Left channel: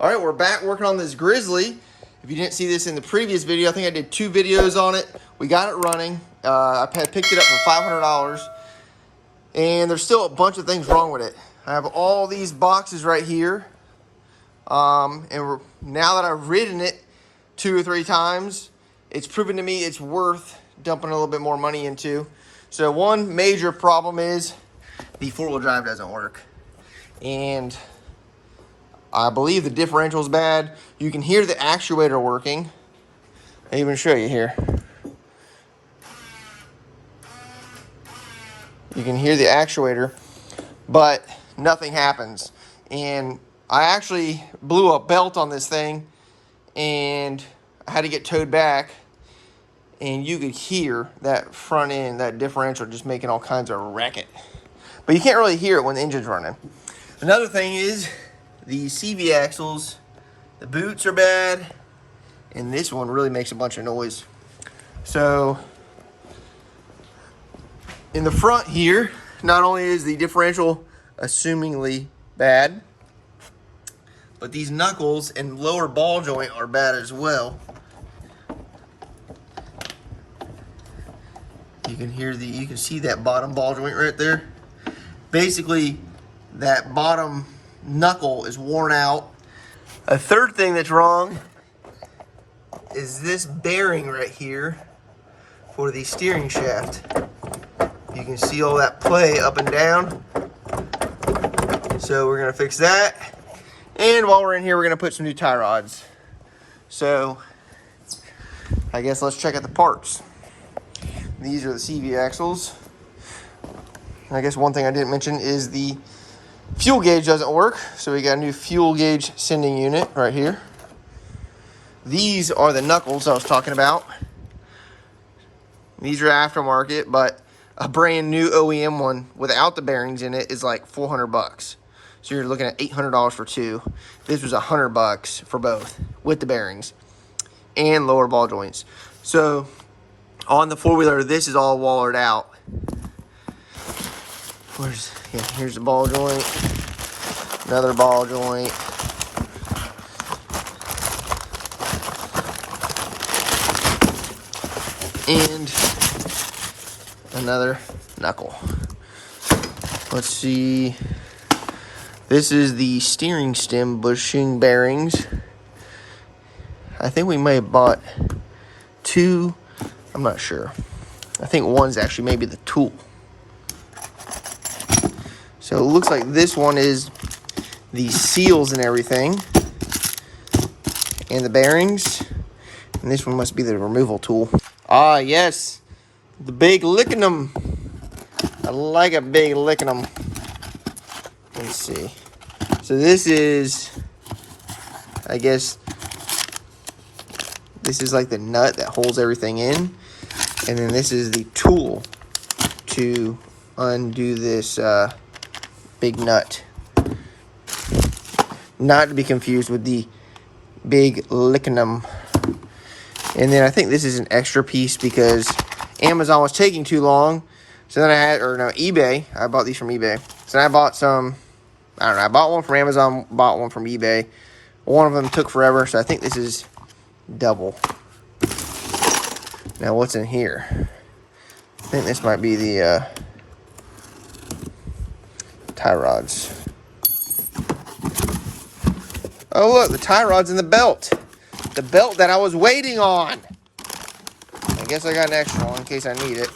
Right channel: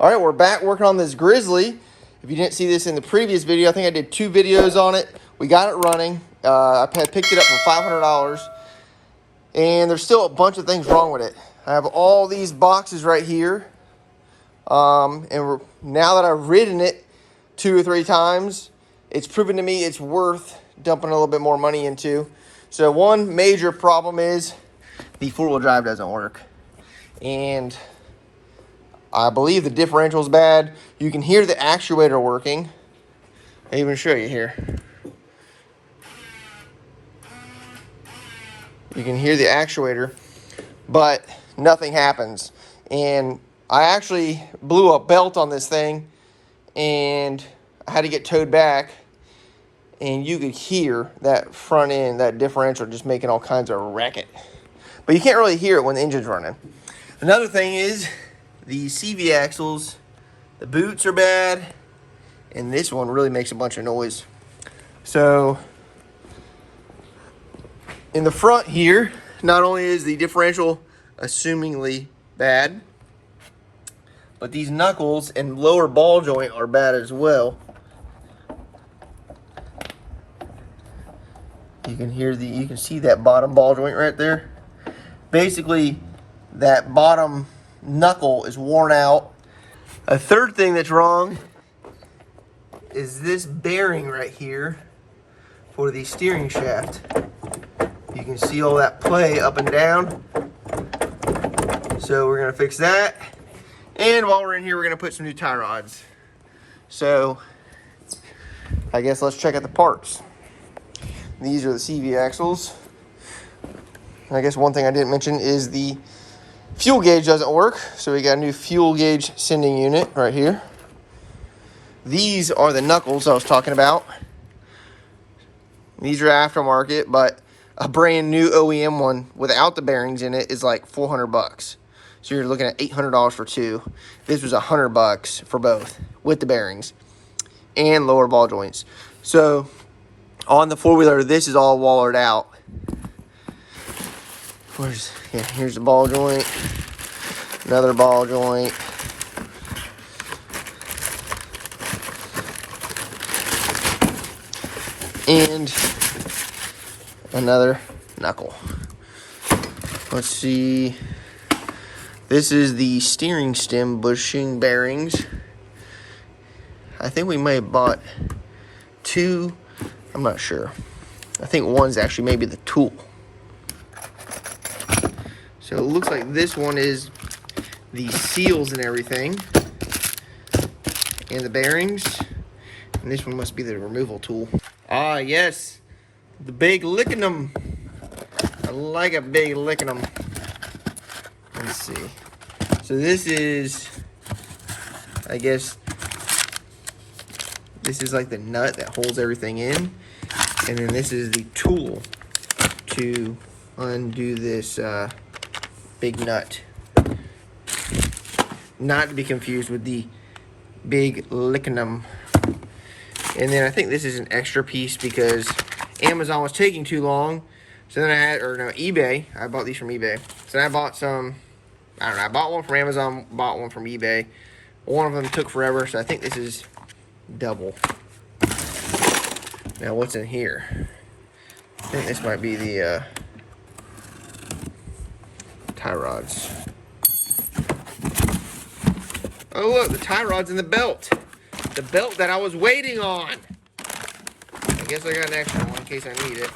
All right, we're back working on this Grizzly. If you didn't see this in the previous video, I think I did 2 videos on it. We got it running. I picked it up for $500, and there's still a bunch of things wrong with it. I have all these boxes right here, now that I've ridden it 2 or 3 times, it's proven to me it's worth dumping a little bit more money into. So one major problem is the 4-wheel drive doesn't work, and I believe the differential is bad. You can hear the actuator working. I'll even show you here. You can hear the actuator, but nothing happens. And I actually blew a belt on this thing, and I had to get towed back. And you could hear that front end, that differential, just making all kinds of racket. But you can't really hear it when the engine's running. Another thing is the CV axles, the boots are bad, and this one really makes a bunch of noise. So in the front here, not only is the differential assumingly bad, but these knuckles and lower ball joint are bad as well. You can see that bottom ball joint right there. Basically, that bottom knuckle is worn out. A third thing that's wrong is this bearing right here for the steering shaft. You can see all that play up and down. So we're gonna fix that. And while we're in here, we're gonna put some new tie rods. So I guess let's check out the parts. These are the CV axles. I guess one thing I didn't mention is the fuel gauge doesn't work, so we got a new fuel gauge sending unit right here. These are the knuckles I was talking about. These are aftermarket, but a brand new OEM one without the bearings in it is like $400. So you're looking at $800 for 2. This was $100 for both with the bearings and lower ball joints. So on the 4-wheeler, this is all wallered out. Here's the ball joint, another ball joint, and another knuckle. Let's see. This is the steering stem bushing bearings. I think we may have bought 2. I'm not sure. I think one's actually maybe the tool. So it looks like this one is the seals and everything, and the bearings. And this one must be the removal tool. Ah, yes, the big licking them. I like a big licking them. Let's see. So this is, I guess, this is like the nut that holds everything in. And then this is the tool to undo this big nut. Not to be confused with the big licknum. And then I think this is an extra piece because Amazon was taking too long. So then I had, eBay. I bought these from eBay. So then I bought some, I bought one from Amazon, bought one from eBay. One of them took forever, so I think this is double. Now what's in here? I think this might be the tie rods. Oh look, the tie rod's in the belt. The belt that I was waiting on. I guess I got an extra one in case I need it.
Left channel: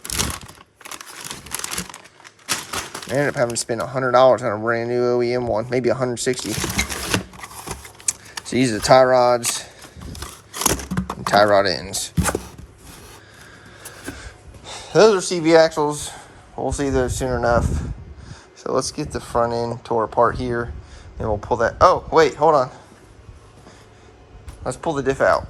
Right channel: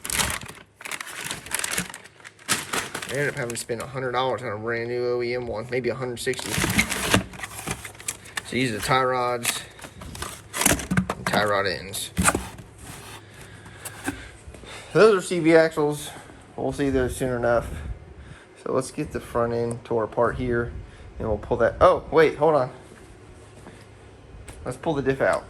I ended up having to spend $100 on a brand new OEM one, maybe $160. So these are the tie rods and tie rod ends. Those are CV axles. We'll see those soon enough. So let's get the front end tore apart here, and we'll pull that. Oh, wait, hold on. Let's pull the diff out.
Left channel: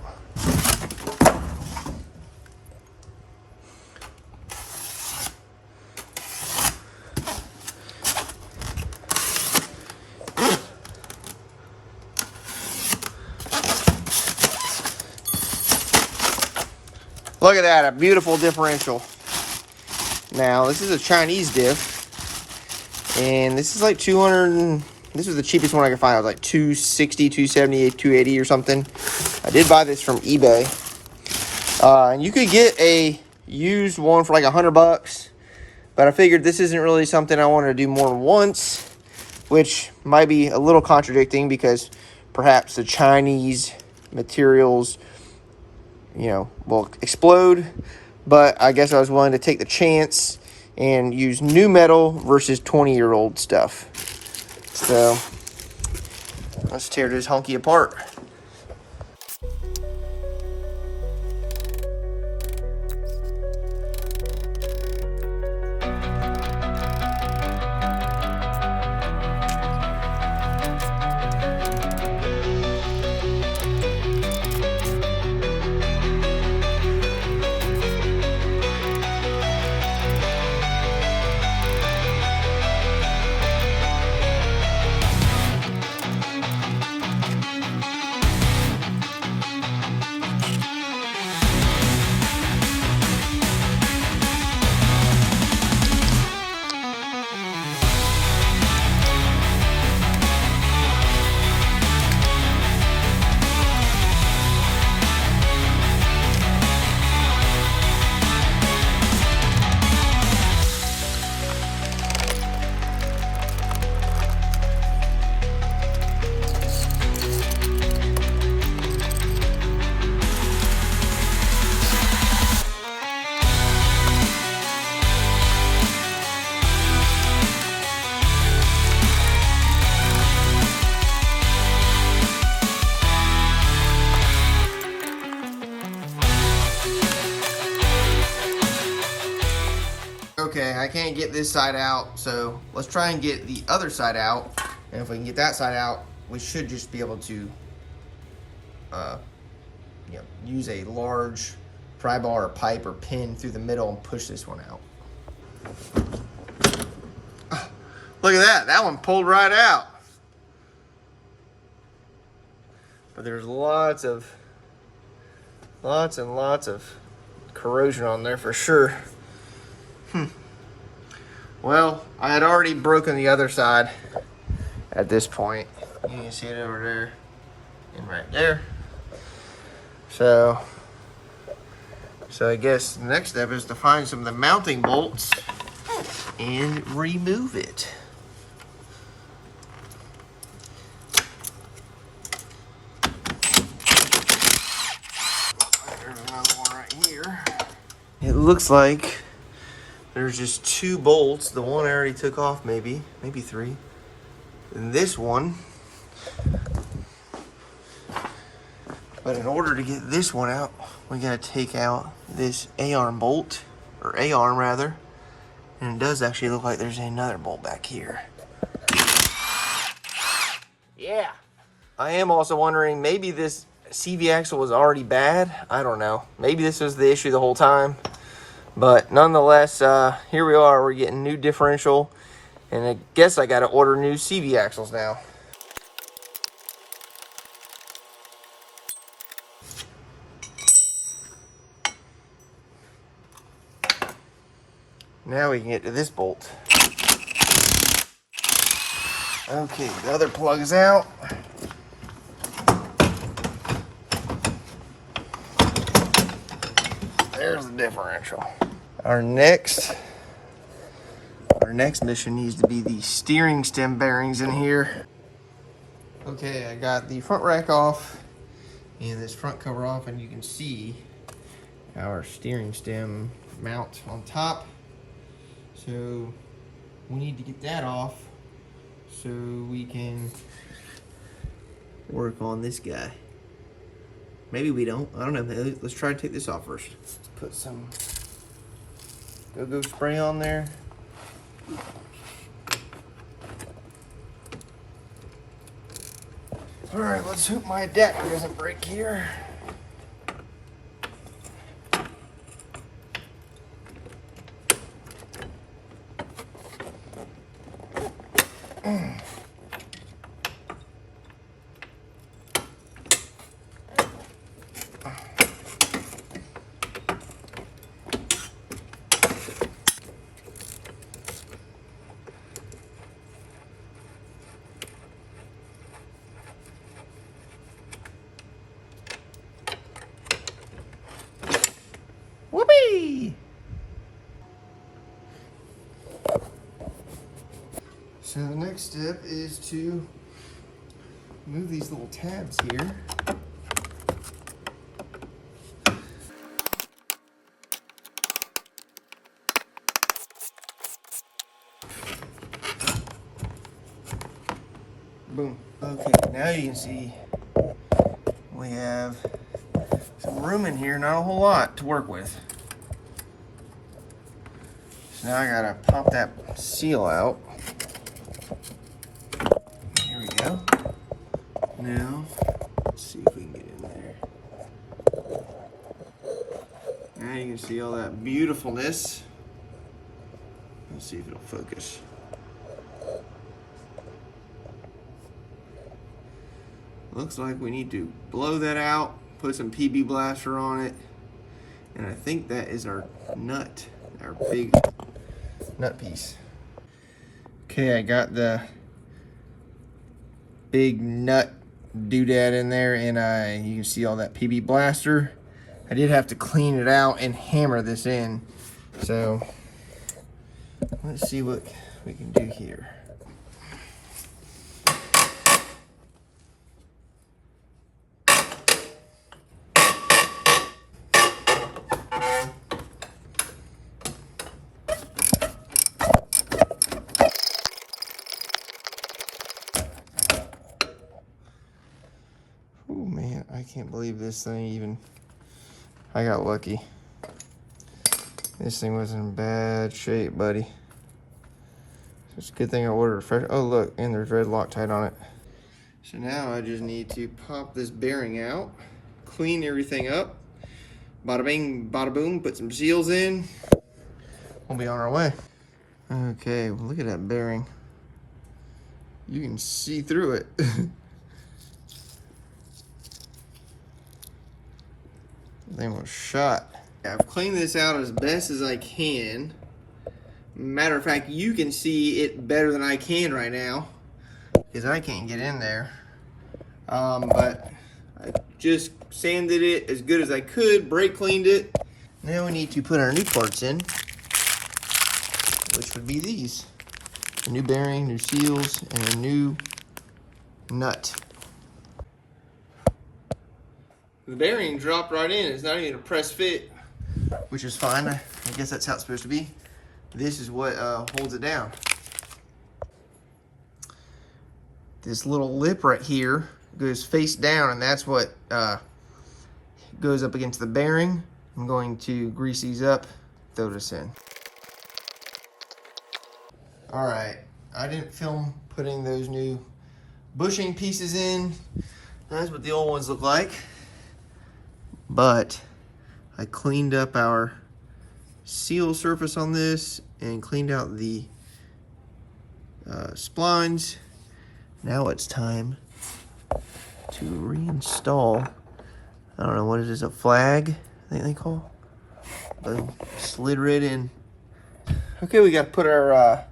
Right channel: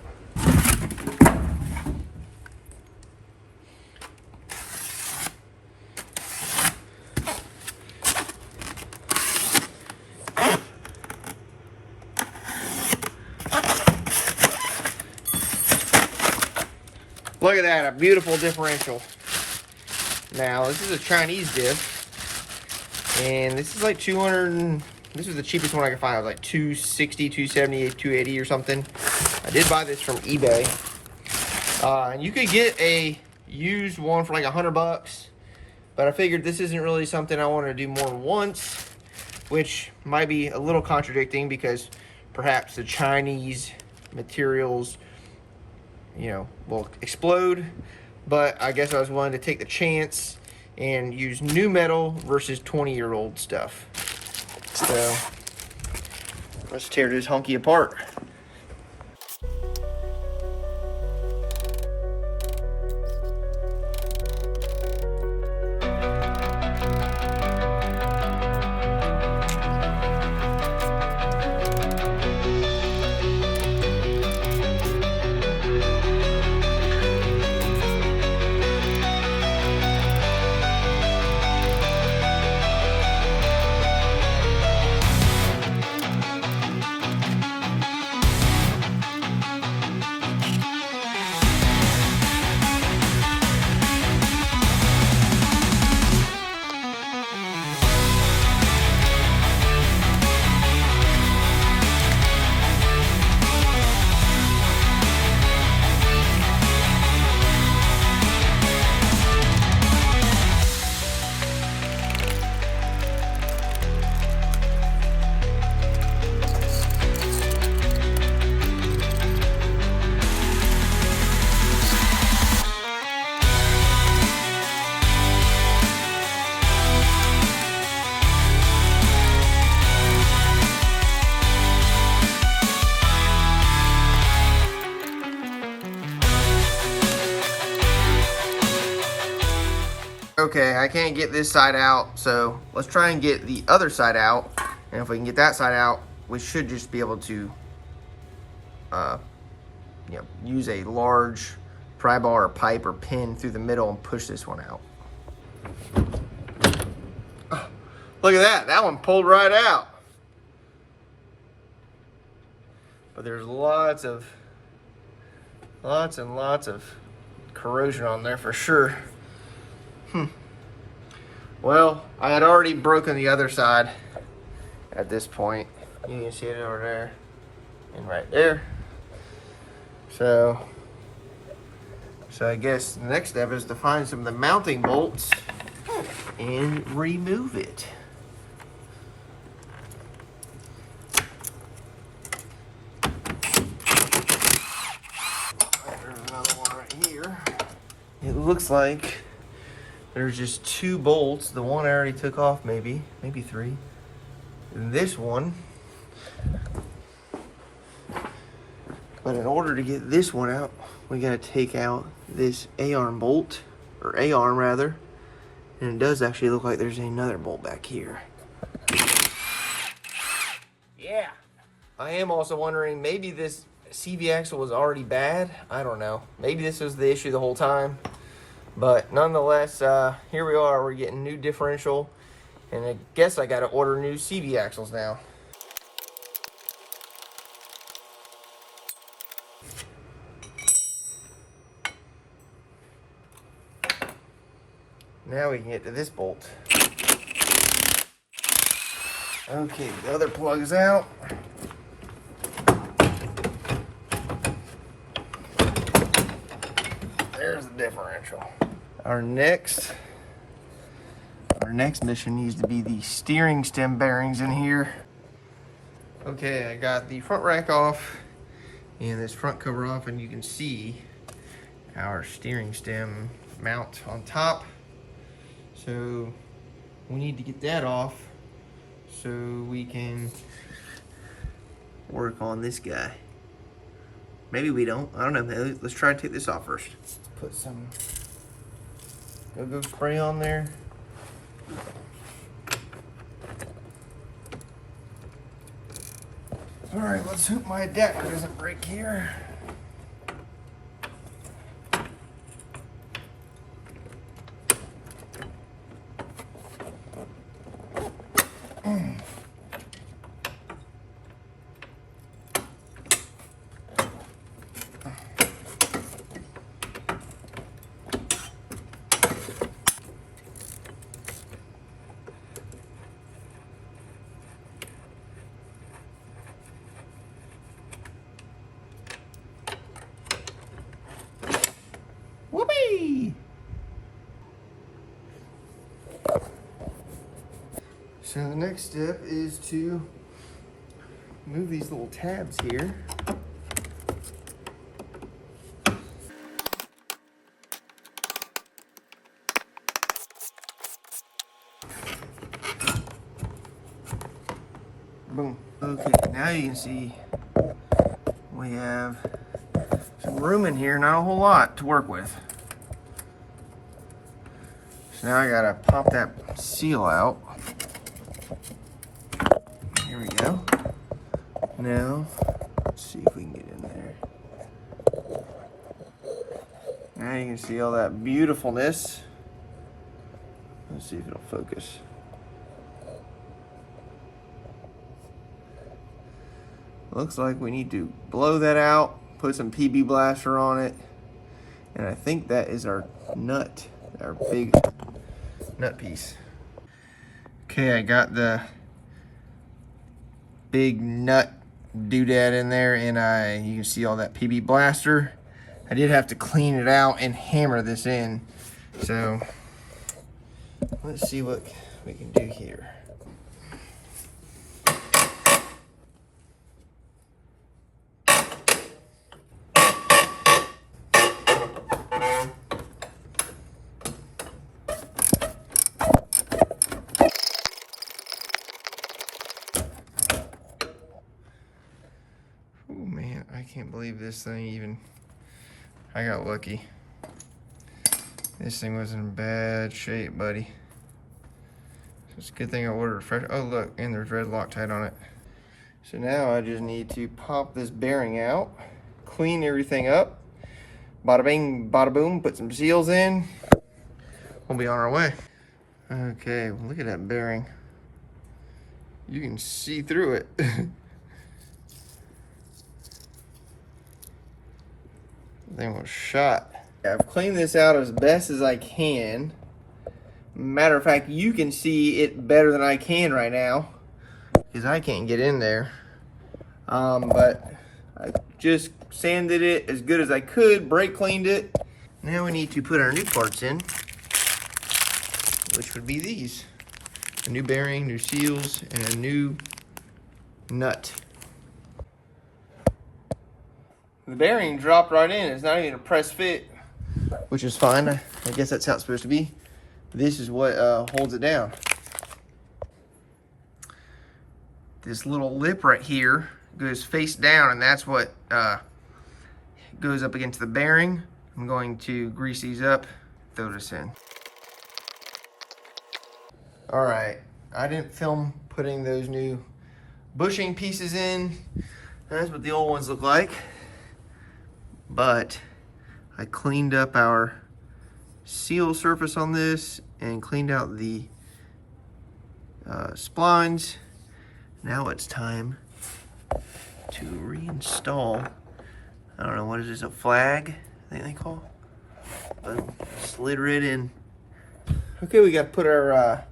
Look at that, a beautiful differential. Now, this is a Chinese diff, and this is like $250 This was the cheapest one I could find. It was like $260, $270, $280 or something. I did buy this from eBay. And you could get a used one for like $100, but I figured this isn't really something I want to do more than once, which might be a little contradicting because perhaps the Chinese materials, you know, will explode. But I guess I was willing to take the chance and use new metal versus 20-year-old stuff. So let's tear this honky apart. Okay, I can't get this side out, so let's try and get the other side out. And if we can get that side out, we should just be able to use a large pry bar or pipe or pin through the middle and push this one out. Look at that one pulled right out. But there's lots and lots of corrosion on there for sure. Well, I had already broken the other side at this point. You can see it over there and right there. So I guess the next step is to find some of the mounting bolts and remove it. There's another one right here. It looks like there's just 2 bolts. The one I already took off, maybe 3. And this one. But in order to get this one out, we gotta take out this A-arm bolt, or A-arm rather. And it does actually look like there's another bolt back here. Yeah. I am also wondering, maybe this CV axle was already bad. I don't know. Maybe this was the issue the whole time. But nonetheless, here we are. We're getting new differential, and I guess I got to order new CV axles now. Now we can get to this bolt. Okay, the other plug's out. There's the differential. Our next mission needs to be the steering stem bearings in here. Okay, I got the front rack off and this front cover off, and you can see our steering stem mount on top. So we need to get that off so we can work on this guy. Maybe we don't. I don't know. Let's try and take this off first. Let's put some go-go spray on there. All right, let's hope my adapter doesn't break here. So the next step is to move these little tabs here. Boom. Okay, now you can see we have some room in here, not a whole lot to work with. So now I gotta pop that seal out. Here we go. Now, let's see if we can get in there. Now you can see all that beautifulness. Let's see if it'll focus. Looks like we need to blow that out, put some PB blaster on it, and I think that is our nut, our big nut piece. Okay, I got the big nut doodad in there, and you can see all that PB blaster. I did have to clean it out and hammer this in, so let's see what we can do here. Oh man, I can't believe this thing even, I got lucky. This thing was in bad shape, buddy. It's a good thing I ordered a fresh, oh look, and there's red Loctite on it. So now I just need to pop this bearing out, clean everything up, bada bing, bada boom, put some seals in. We'll be on our way. Okay, look at that bearing. You can see through it. Thing was shot. I've cleaned this out as best as I can. Matter of fact, you can see it better than I can right now because I can't get in there. But I just sanded it as good as I could, brake cleaned it. Now we need to put our new parts in, which would be these. A new bearing, new seals, and a new nut. The bearing dropped right in. It's not even a press fit, which is fine. I guess that's how it's supposed to be. This is what holds it down. This little lip right here goes face down, and that's what goes up against the bearing. I'm going to grease these up, throw this in. All right, I didn't film putting those new bushing pieces in. That's what the old ones look like. But I cleaned up our seal surface on this and cleaned out the splines. Now it's time to reinstall, I don't know, what is this, a flag, I think they call? Boom, slid right in. Okay, we got to put our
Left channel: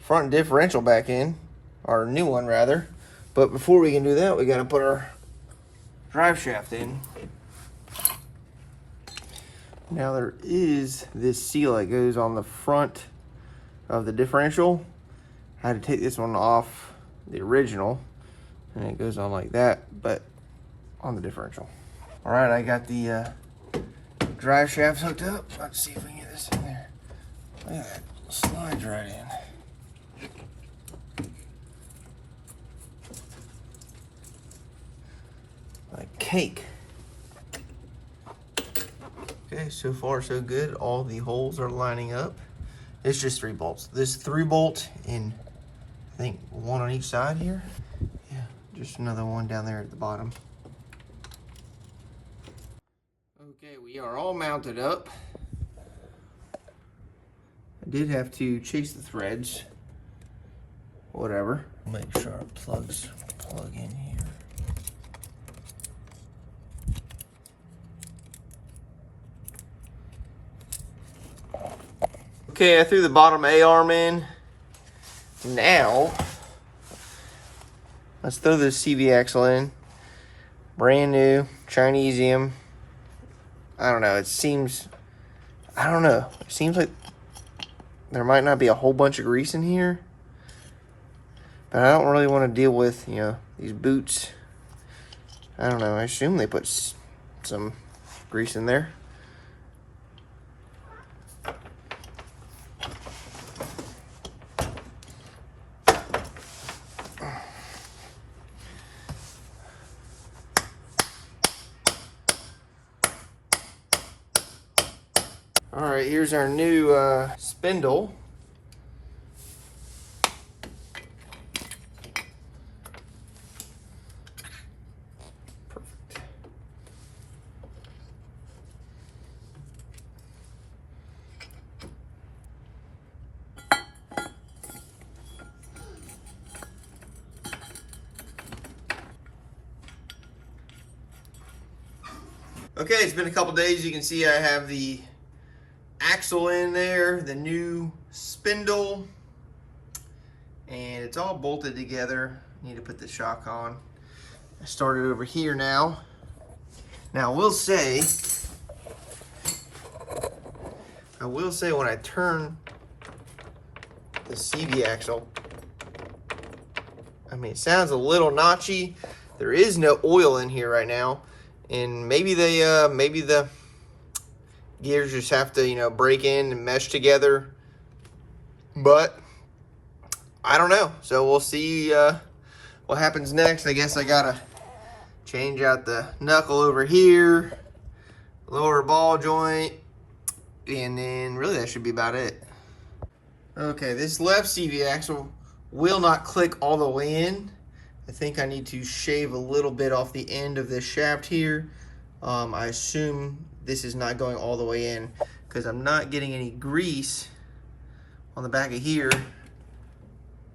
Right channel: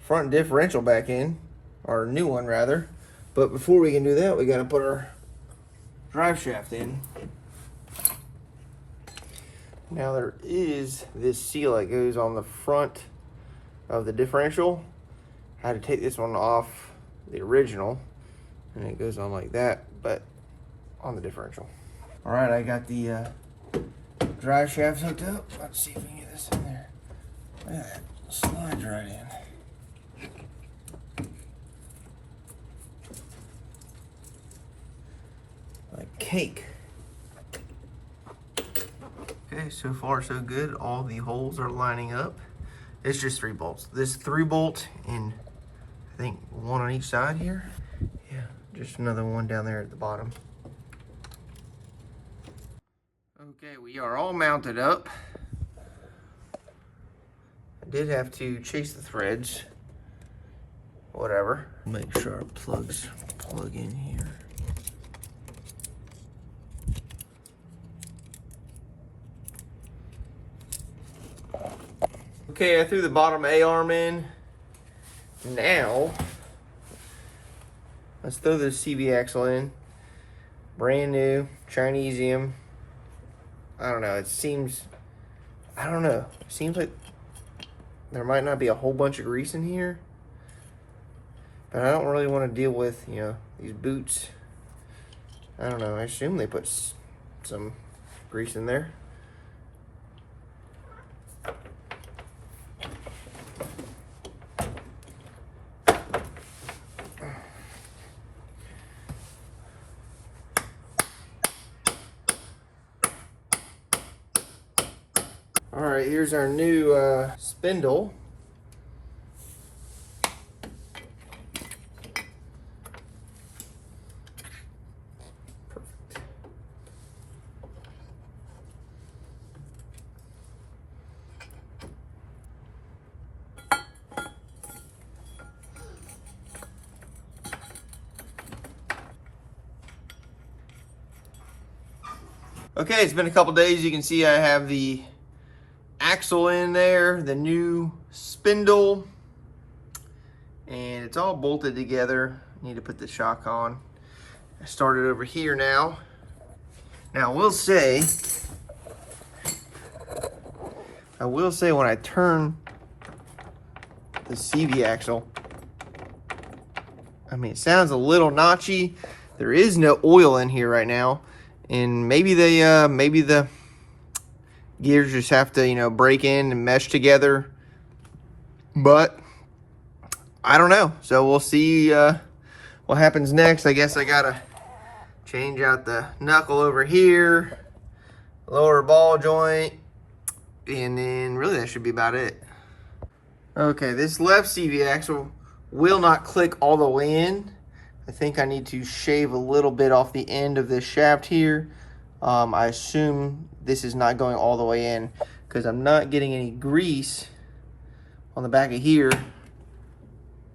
front differential back in, our new one rather. But before we can do that, we got to put our drive shaft in. Now there is this seal that goes on the front of the differential. I had to take this one off the original, and it goes on like that, but on the differential. All right, I got the drive shaft hooked up. Let's see if we can get this in there. Look at that, slides right in. Like cake. Okay, so far so good. All the holes are lining up. It's just 3 bolts. This 3 bolt and I think 1 on each side here. Yeah, just another one down there at the bottom. Okay, we are all mounted up. I did have to chase the threads. Whatever. Make sure our plugs plug in here. Okay, I threw the bottom A-arm in. Now, let's throw this CV axle in. Brand new, Chinesium. I don't know, it seems, I don't know. It seems like there might not be a whole bunch of grease in here. But I don't really want to deal with, you know, these boots. I don't know, I assume they put some grease in there. All right, here's our new spindle. Perfect. Okay, it's been a couple days. You can see I have the axle in there, the new spindle, and it's all bolted together. Need to put the shock on. I started over here now. Now I will say when I turn the CV axle, I mean, it sounds a little notchy. There is no oil in here right now, and maybe the gears just have to, you know, break in and mesh together, but I don't know. So we'll see what happens next. I guess I gotta change out the knuckle over here, lower ball joint, and then really that should be about it. Okay, this left CV axle will not click all the way in. I think I need to shave a little bit off the end of this shaft here. I assume this is not going all the way in because I'm not getting any grease on the back of here,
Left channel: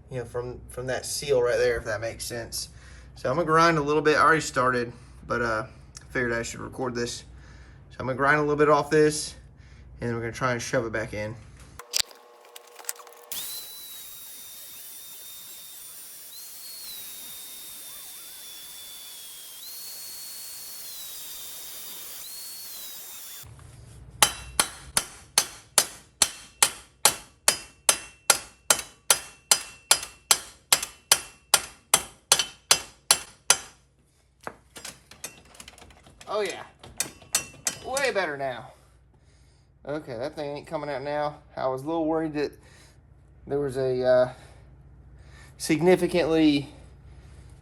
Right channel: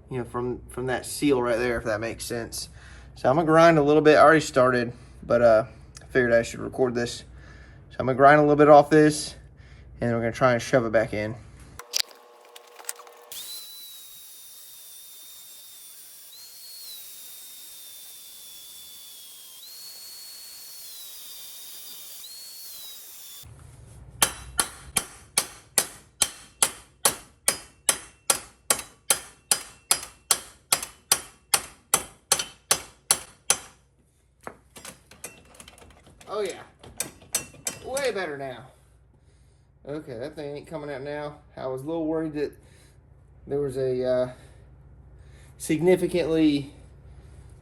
you know, from that seal right there, if that makes sense. So I'm gonna grind a little bit. I already started, but I figured I should record this. So I'm gonna grind a little bit off this, and then we're gonna try and shove it back in. Oh yeah, way better now. Okay, that thing ain't coming out now. I was a little worried that there was a significantly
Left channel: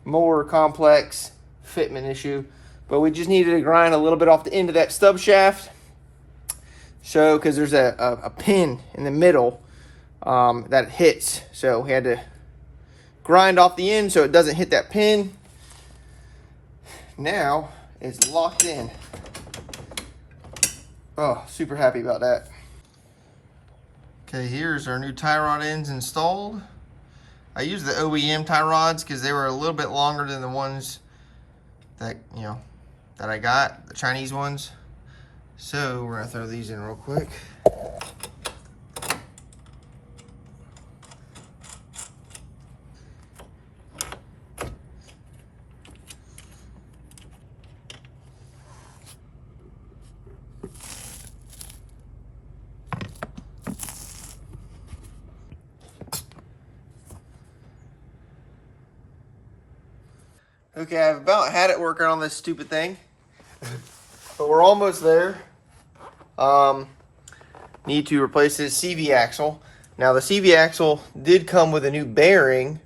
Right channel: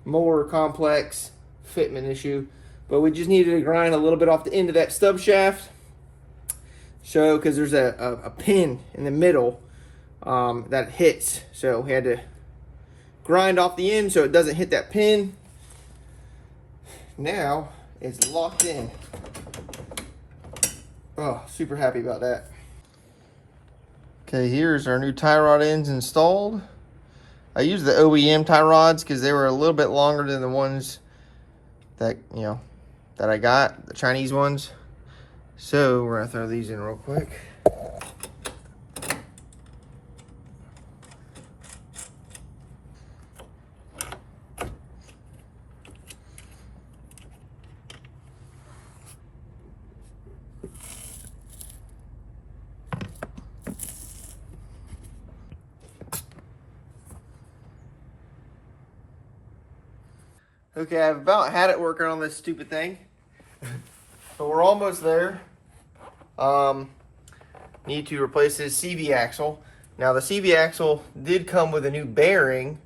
more complex fitment issue, but we just needed to grind a little bit off the end of that stub shaft. So, because there's a pin in the middle that hits, so we had to grind off the end so it doesn't hit that pin. Now it's locked in. Oh, super happy about that. Okay, here's our new tie rod ends installed. I used the OEM tie rods because they were a little bit longer than the ones that, you know, that I got, the Chinese ones. So we're gonna throw these in real quick. Okay, I've about had it working on this stupid thing, but we're almost there. Need to replace this CV axle. Now the CV axle did come with a new bearing,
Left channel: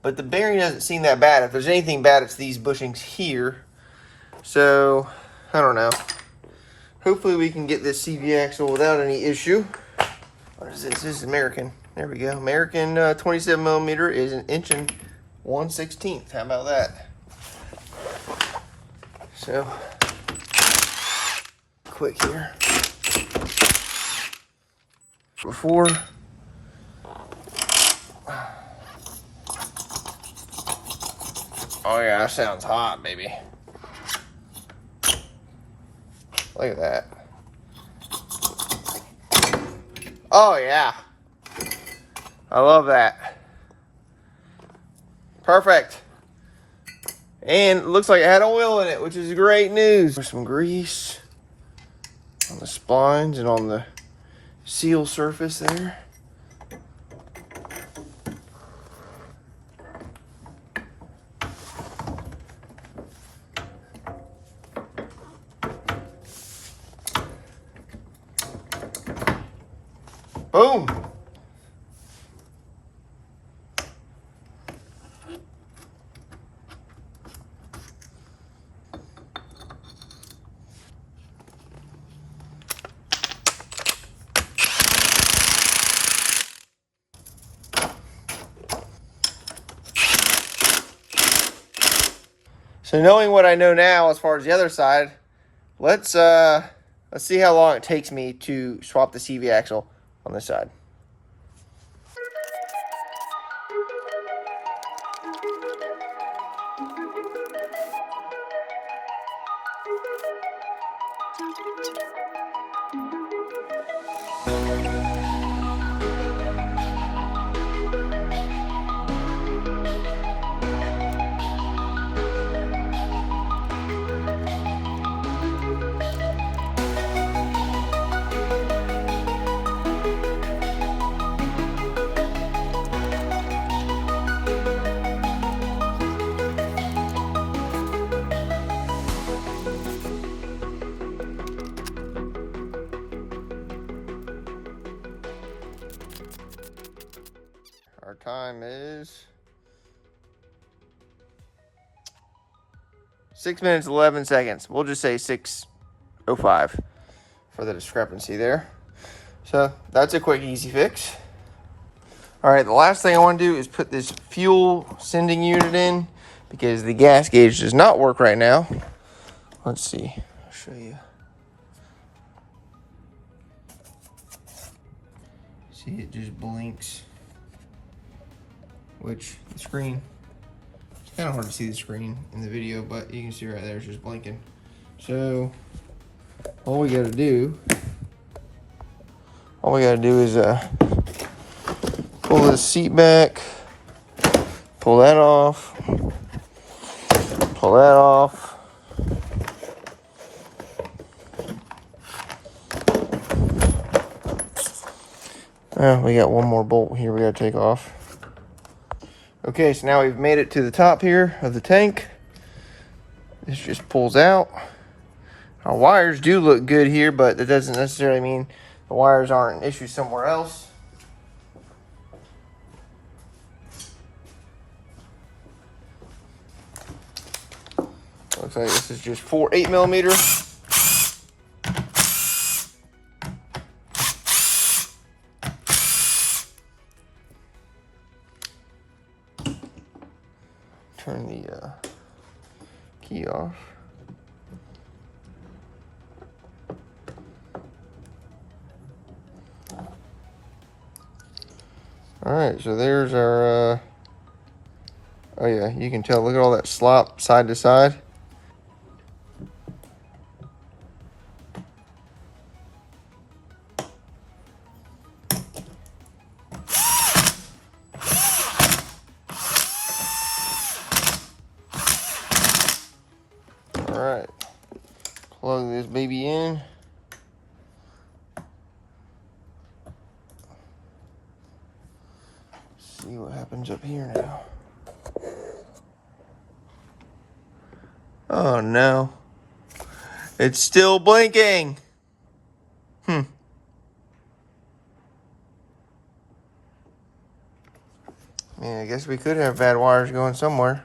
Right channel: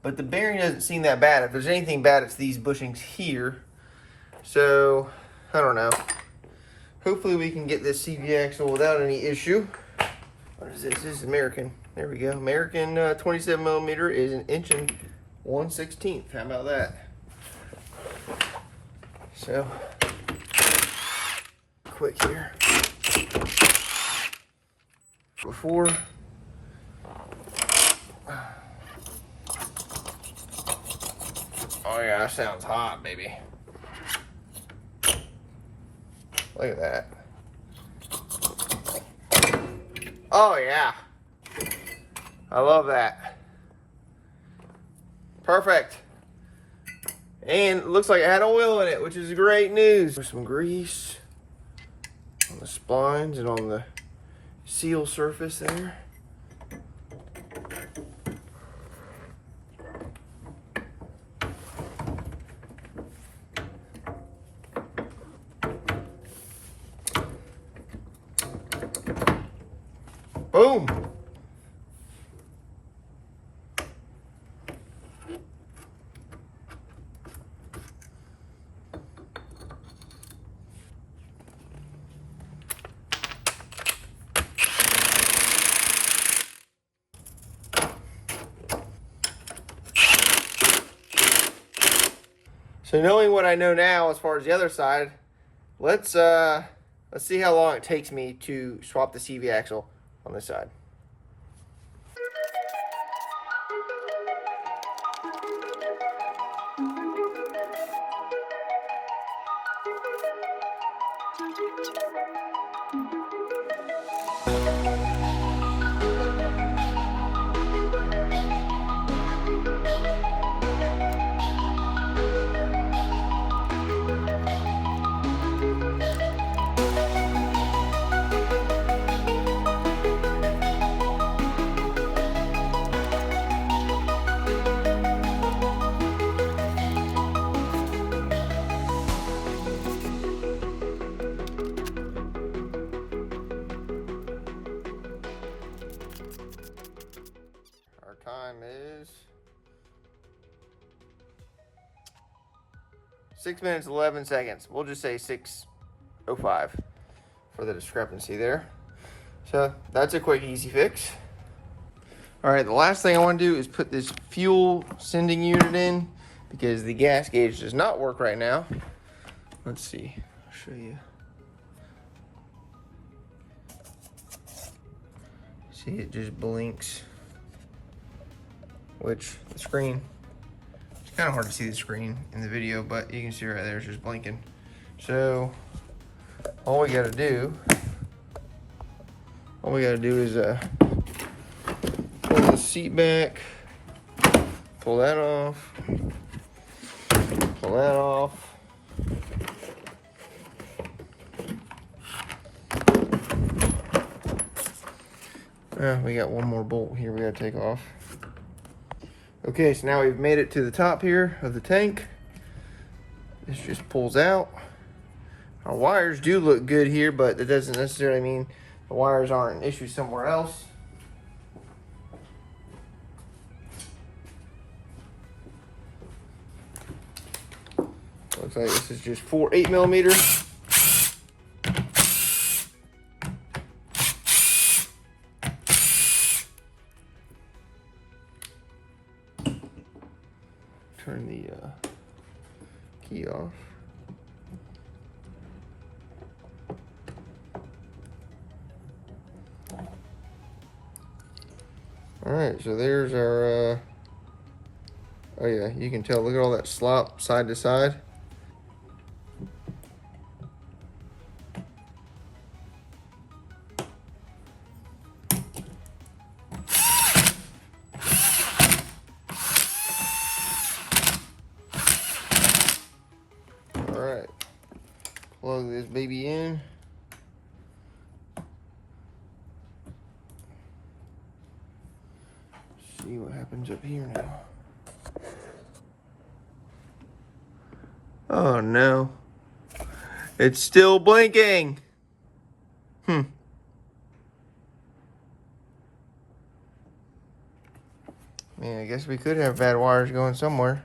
but the bearing doesn't seem that bad. If there's anything bad, it's these bushings here. So, I don't know. Hopefully we can get this CV axle without any issue. What is this? This is American. There we go. American 27 millimeter is 1/1/16. How about that? So, quick here. Before. Oh yeah, that sounds hot, baby. Look at that. Oh yeah. I love that. Perfect. And it looks like it had oil in it, which is great news. There's some grease on the splines and on the seal surface there. Boom. So knowing what I know now as far as the other side, let's see how long it takes me to swap the CV axle on this side. Our time is 6 minutes 11 seconds. We'll just say 6:05 for the discrepancy there. So that's a quick, easy fix. All right, the last thing I want to do is put this fuel sending unit in because the gas gauge does not work right now. Let's see. I'll show you. See, it just blinks. Which the screen, it's kind of hard to see the screen in the video, but you can see right there it's just blinking. So all we gotta do is pull this seat back, pull that off, pull that off. Oh, we got one more bolt here we gotta take off. Okay, so now we've made it to the top here of the tank. This just pulls out. Our wires do look good here, but that doesn't necessarily mean the wires aren't an issue somewhere else. Looks like this is just 4 8mm. Turn the key off. All right, so there's our, oh yeah, you can tell, look at all that slop side to side. All right, plug this baby in. See what happens up here now. Oh no, it's still blinking. Man, I guess we could have bad wires going somewhere.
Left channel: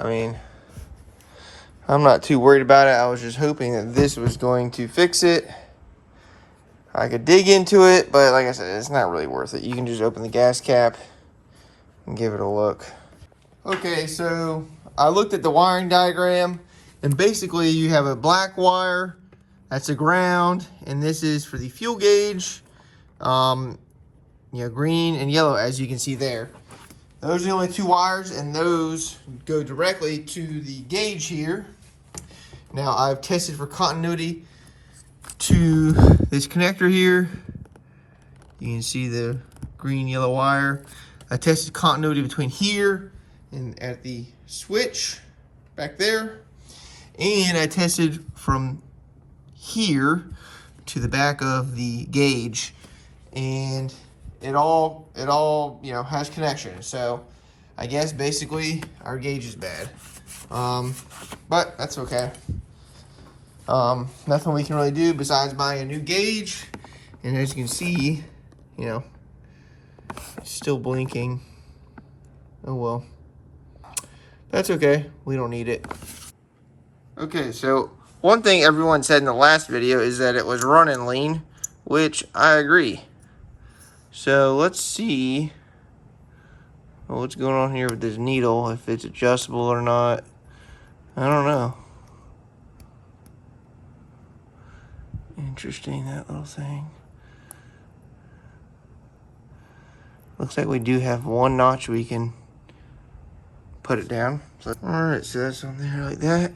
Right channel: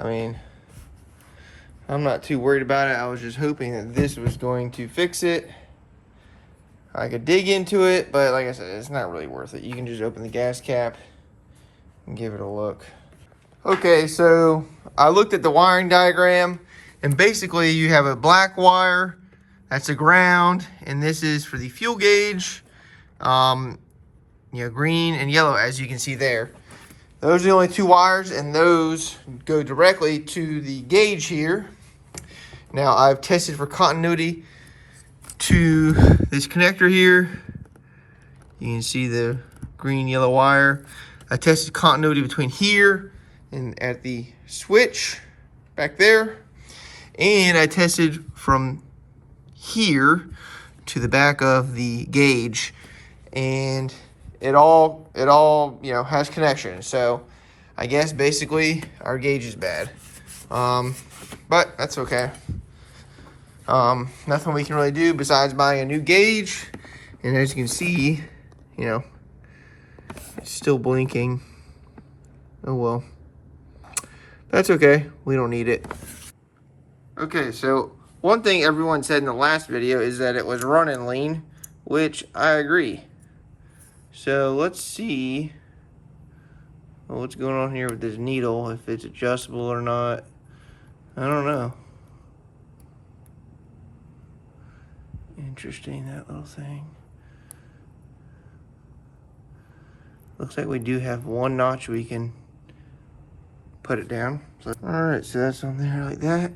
I mean, I'm not too worried about it. I was just hoping that this was going to fix it. I could dig into it, but like I said, it's not really worth it. You can just open the gas cap and give it a look. Okay, so I looked at the wiring diagram, and basically you have a black wire, that's a ground, and this is for the fuel gauge, green and yellow, as you can see there. Those are the only two wires, and those go directly to the gauge here. Now, I've tested for continuity to this connector here. You can see the green, yellow wire. I tested continuity between here and at the switch back there. And I tested from here to the back of the gauge. And it all has connection. So I guess basically our gauge is bad. But that's okay. Nothing we can really do besides buying a new gauge. And as you can see, you know, it's still blinking. Oh well. That's okay. We don't need it. Okay, so one thing everyone said in the last video is that it was running lean, which I agree. So let's see what's going on here with this needle, if it's adjustable or not. I don't know. Interesting, that little thing. Looks like we do have one notch we can put it down. So, all right, so that's on there like that.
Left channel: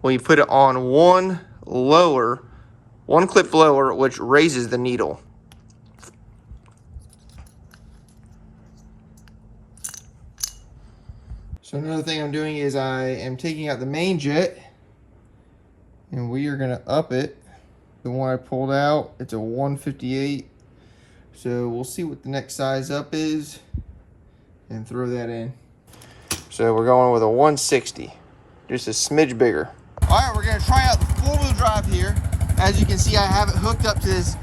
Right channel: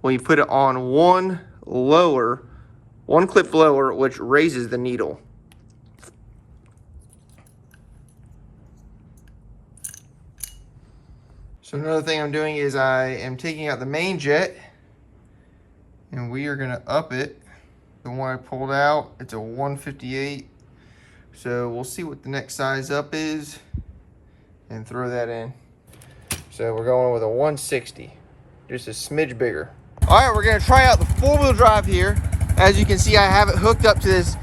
Well, you put it on one clip lower, which raises the needle. So another thing I'm doing is I am taking out the main jet, and we are gonna up it. The one I pulled out, it's a 158. So we'll see what the next size up is and throw that in. So we're going with a 160, just a smidge bigger. All right, we're gonna try out the four-wheel drive here. As you can see, I have it hooked up to this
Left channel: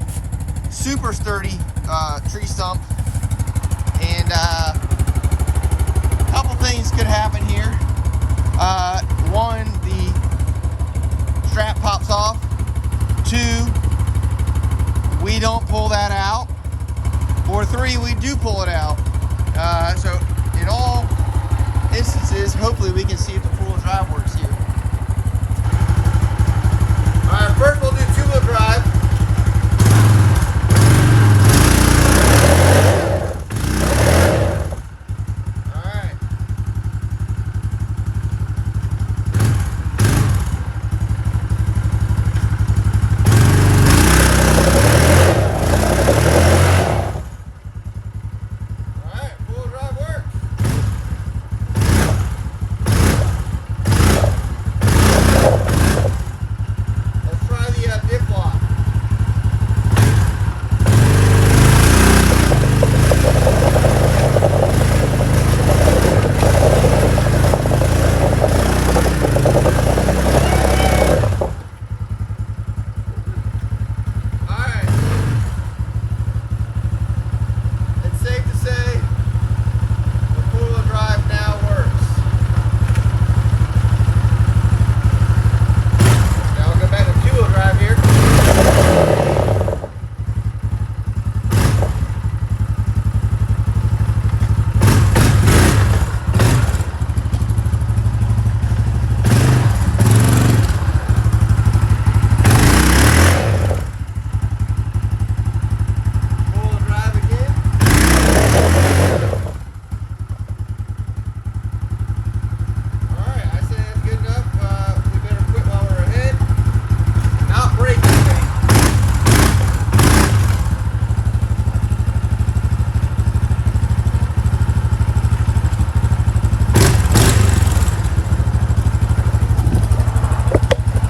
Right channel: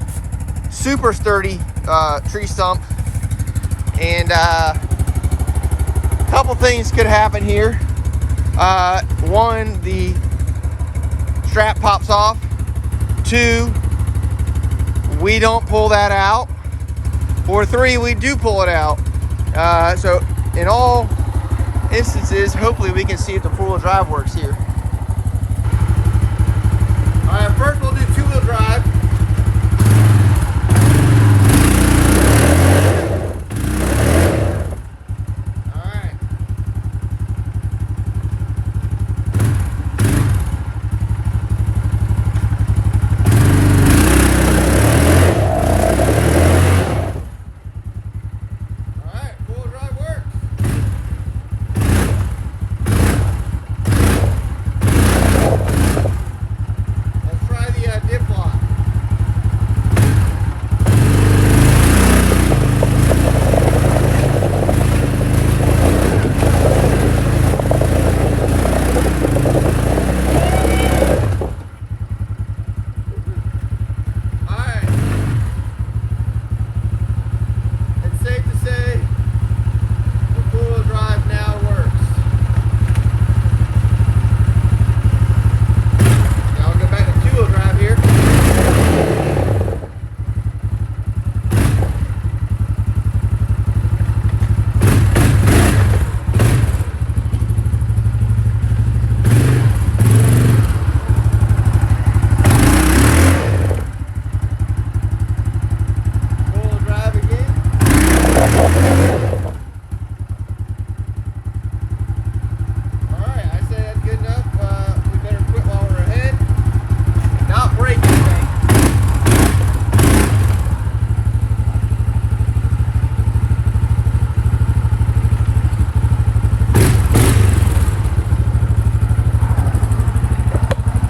super sturdy tree stump. And a couple things could happen here. One, the strap pops off. Two, we don't pull that out. Or three, we do pull it out. So in all instances, hopefully we can see if the four-wheel drive works here. All right, first we'll do two-wheel drive.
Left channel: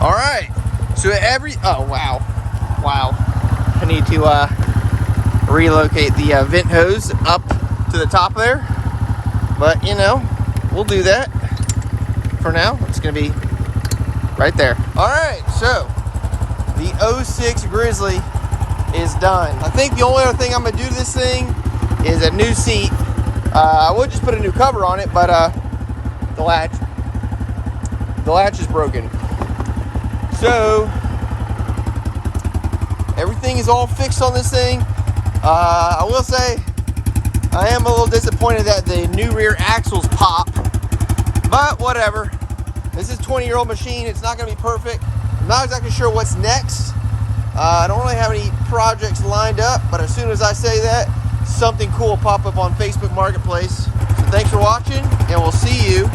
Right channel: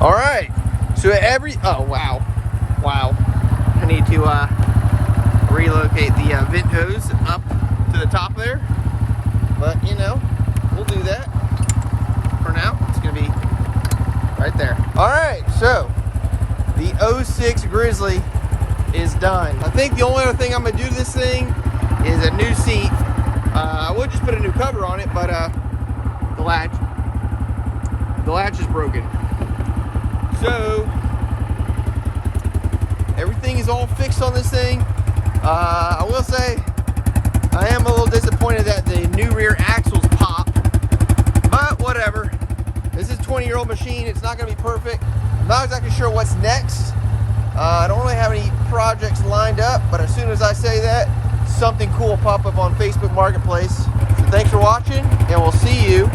All right, so wow. I need to relocate the vent hose up to the top there, but you know, we'll do that. For now, it's gonna be right there. All right, so the 06 Grizzly is done. I think the only other thing I'm gonna do to this thing is a new seat. I would just put a new cover on it, but the latch is broken. So everything is all fixed on this thing. I will say I am a little disappointed that the new rear axles pop, but whatever. This is a 20-year-old machine. It's not going to be perfect. I'm not exactly sure what's next. I don't really have any projects lined up, but as soon as I say that, something cool will pop up on Facebook Marketplace. So thanks for watching, and we'll see you